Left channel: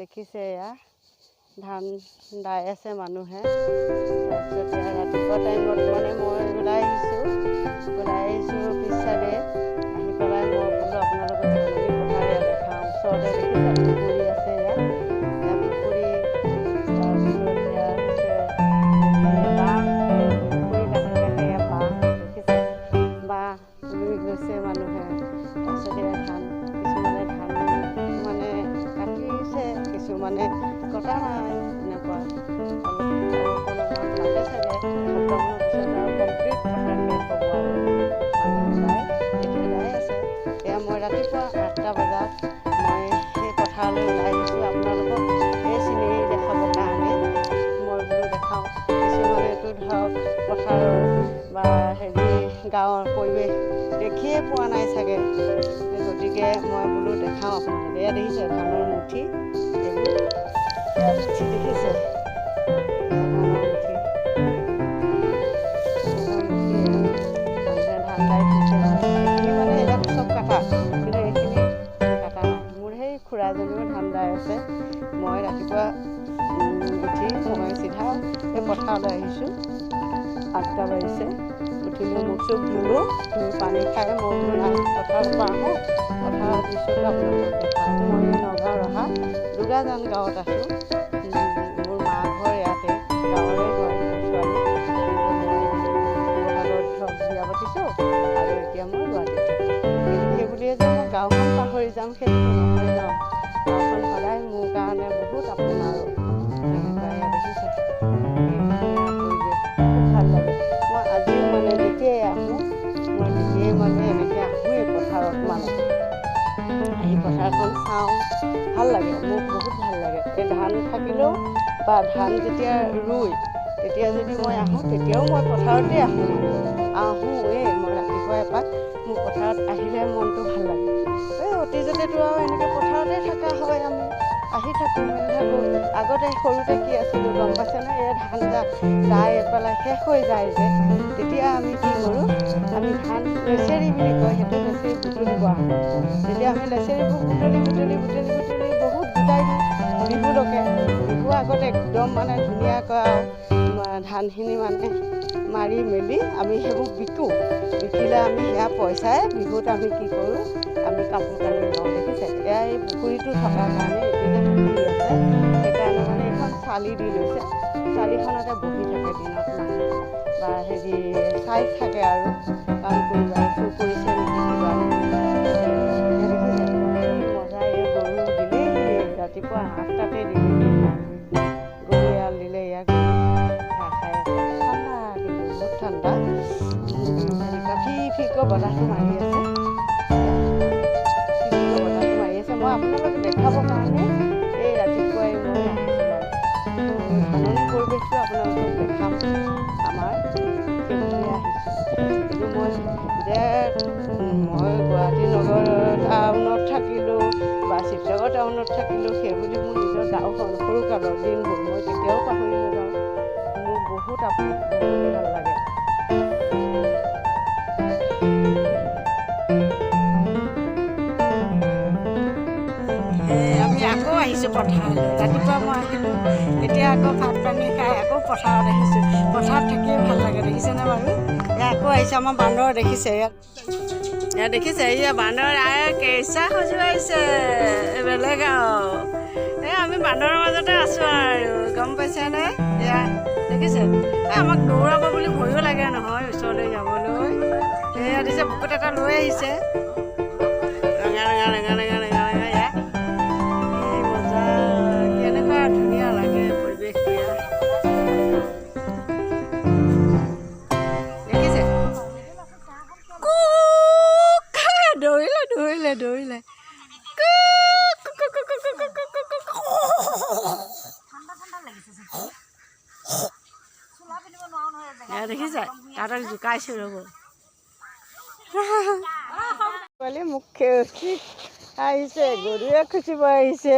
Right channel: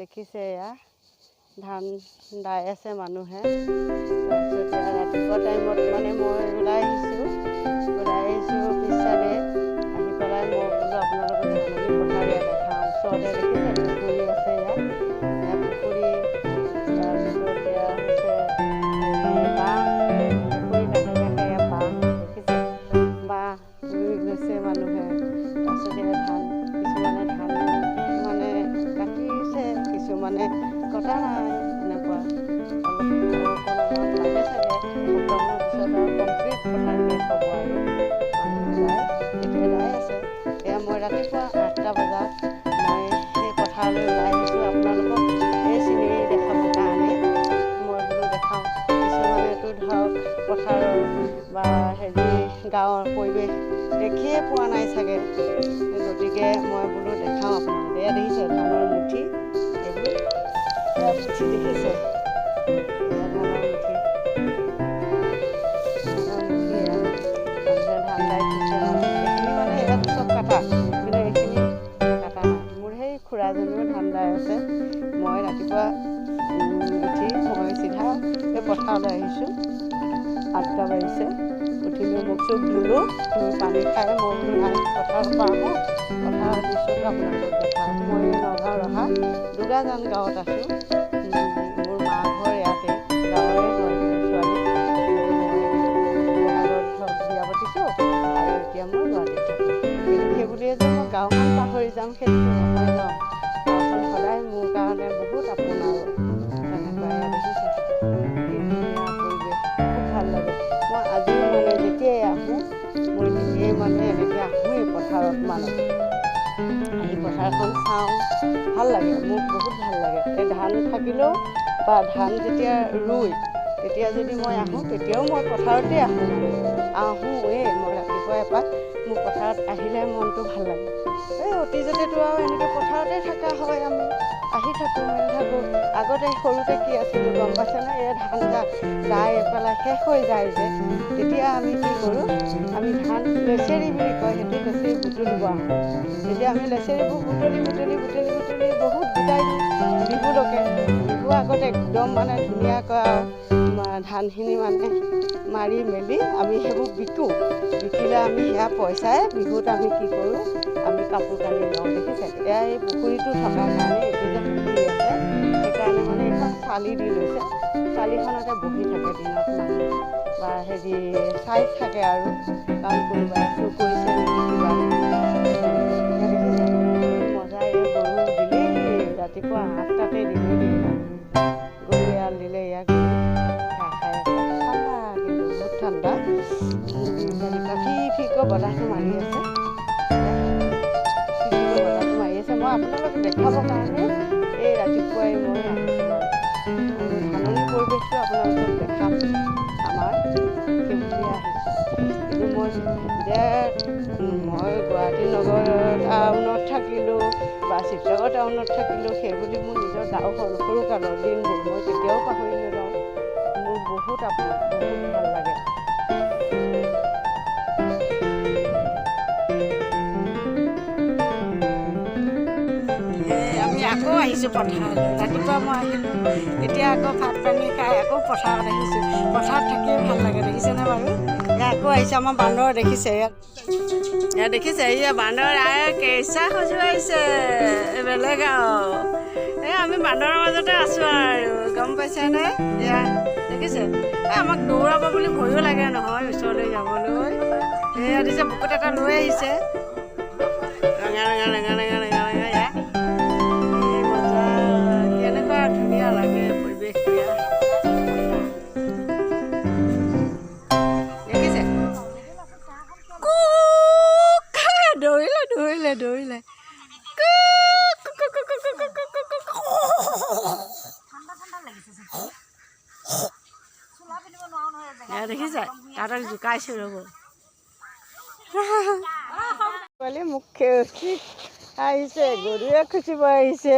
দেখিছে এয়া ধান দাই আছে মানুহে। তাৰপিছত এয়া ৰাতিপুৱা টাইমত মানে মই ওলাই আহিছোঁ পিছ চাইডে আহি পেলাই মই বোলো আপোনালোকক ধাননি পথাৰ এয়া দেখাওঁ। ওচৰতে দেখিছে পুখুৰী আছে ইয়াত পুখুৰী। তাৰপিছত এয়া হৈছে বাঁহ, পুখুৰী কাষে কাষে এয়া বাঁহ দেখিছে, বাঁহ ৰুই গৈছে মানুহে। তাৰপিছত এয়া ধান, কিছুমানে ধান মানে কাটিছে, কিছুমানে কটা নাই, এনেকুৱা অলপ আৰু অকণমান লাগে চাগে। এসপ্তাহমানৰ পিছত আৰু কমপ্লিট পথাৰ শেষ হ'ব আৰু মানুহে এতিয়া দাই আছে। এয়া মই ৰাতিপুৱা 8টা বজাত মই সেই পথাৰলৈ ওলাই আহিছোঁ আপোনালোকক এই চিনেৰী দেখাবৰ কাৰণে। মই বোলো দেখাওঁ, কিছুমানেতো ধৰক পথাৰৰ বা গাঁৱৰ পৰিৱেশ দেখিয়ে পোৱা নাই চাগে, গতিকে মই বোলো দেখাওঁ আপোনালোকে। এয়া দেখিছে ধানৰ মুঠি, এইবোৰ এয়া মুঠি দেখিছে, এয়া ধানৰ মুঠি এয়া মানুহে ধান দাই থৈছে। এইখিনি মানে ইয়াত চব কাটা, কিন্তু এইখিনি কাটা নাই। মোৰ সেই খুৰাজনীও ধান দাই আছে। মই ৰাতিপুৱা উঠি মই চিধা এই পথাৰলৈ আহিছোঁ। 8টা বাজিছে, উঠিলোঁ, মুখ চুখ ধুলোঁ, ধুই পানী খাই মই বোলো নাই পথাৰৰ পৰা আহোঁ, পথাৰৰ দৃশ্যটো আপোনালোকক দেখাওঁ। মই নগাঁও ৰহা দুগাজান গাঁৱত আছোঁ। মোৰ মা ঘৰ ইয়াতে, গাঁৱৰে হয় মোৰ ছোৱালী, কিন্তু মই শিৱসাগৰত ধৰক বিয়া পাতিছোঁ আৰু এতিয়া মই গুৱাহাটীত থাকোঁ। কিন্তু সেই বুলিয়ে যে মই গাঁওখন পাহৰি যাম সেইটোতো নহয় ন। গাঁওখন সদায় মোৰ কাৰণে বহুত আপোন আৰু তেনেকুৱা। এয়া দেখিছে কি ধুনীয়া পৰিৱেশ, খুব ভাল লাগে। মই আজিও মানে যেতিয়াই আহোঁ, মই তেতিয়াই মানে এনেকৈ আহোঁৱেই পথাৰত, মানে আহি পথাৰখন চাওঁ, ভাল লাগে, মোক বহুত ভাল লাগে। এই ধান থাকিলেও বা ধান যেতিয়া ৰুই তেতিয়া যদি মই আহোঁ, তেতিয়াও মই পথাৰতে আহোঁ, মানে আহোঁৱেই মই ৰাতিপুৱা এপাক। মোৰ পথাৰত আহিলে মনটো ভাল লাগে। এই অতীজতেতো আৰু এনেকৈ পথাৰতে থকা হয়, আমি আহি থাকোঁ মেলি থাকোঁ। আগতে সৰুতে কি আছিলোঁ গম পাইছেনে? এই ধান দাই পেলাই শেষ হৈ যায় যে, তেতিয়া আমি কি কৰোঁ, আমি ধান লেচেৰি বুলি কয়, সেইটো লেচেৰি বুটলিব আহোঁ। তেতিয়া আমি লেচেৰিবোৰ বুটলি বহুত গোটাই দিওঁ বিহুলৈকে। বিহু আগত একদম মানে ধুনীয়াকৈ আৰু ধানখিনি মানে মাৰি মেলি আমি সেইবোৰ বিকোঁ। বিকিলে আমি সেয়া পইচাই বিহুত আমি কি কৰোঁ, আমি কাপোৰ কানি লওঁ। দেখিছে এয়া এই পুখুৰীটো থকাৰ কাৰণে, এইটো যে পুখুৰী আছে সেইকাৰণে মানে এইখন চালি দি লৈছে। চালিখনতে বহি থাকে দিনত মানুহ বা চাই থাকে আৰু, কাৰণ কোনোবাই চুৰ কৰিছে নেকি কিবা নেকি। দেখিছে মজা। এই গৰু দিলেহি ৰাতিপুৱা 8টাতে দিলেহি, গৰু এৰাল দিলে। এয়া গৰু ঘাঁহ খাই আছে, ঠাণ্ডা কিন্তু বহুত ঠাণ্ডা। তেনেকুৱা ফিকৈ বতাহটো মাৰি আছে, ফিকৈ বতাহটো মাৰি আছে। মই আপোনালোকক দেখাবৰ কাৰণে এই ৰাতিপুৱাই মই আহিছোঁ, মানে আৰু ধাননি পৰিৱেশটো আপোনালোকক দেখাম আমাৰ, সেই বুলিয়ে আহিছোঁ। কিন্তু মই গুৱাহাটী নগৰ টাউনত থাকিলোঁ বা শিৱসাগৰ টাউনত থাকিলোঁ, সেইবুলি মোৰ নিজৰ গাঁওখন সৰুকালৰ দিনবোৰ মই কেতিয়াও পাহৰি নাযাওঁ। মোৰ বহুত আপোন, বহুত ভাল লাগে। আমি আকৌ আহিছোঁ পথাৰলৈ। ৰাতিপুৱা মই আহিলোঁ, এতিয়া আকৌ ভাত পানী খাই আকৌ পথাৰত আহিছোঁ। পথাৰত থাকিয়ে ভাল লাগে, দেখিছেনে বাৰু? এয়া আকৌ আহিছোঁ। আমাৰ বান্দৰ দেখিছে, ইয়াত দেখিছে, এয়া বান্দৰ কেঁচা খজুৱাইছে বেলেগ আৰু। এই আমি বান্দৰৰ মাজতে আছোঁ আৰু, গম পাইছেনে? এয়া দেখিছে, আমাক দৌৰাব বুলি ভয়ো লাগে নহয় ওচৰলৈ যাবলৈ। এয়া দিছে বুকুত এটা লৈ আহিছে, ৰঙা ৰঙা ৰঙা ৰঙা ৰঙা ৰঙা। এয়া কি মজা, কেনেকুৱা ধুনীয়া লাগে পৰিৱেশটো। ইয়াত দেখিছে দৌৰিলে দেখিছে, তাহাঁতক জোকাইছোঁ ৰ'ব। পোৱালি মোক আহিছে, গৰুৱে খুচিব আহিছে।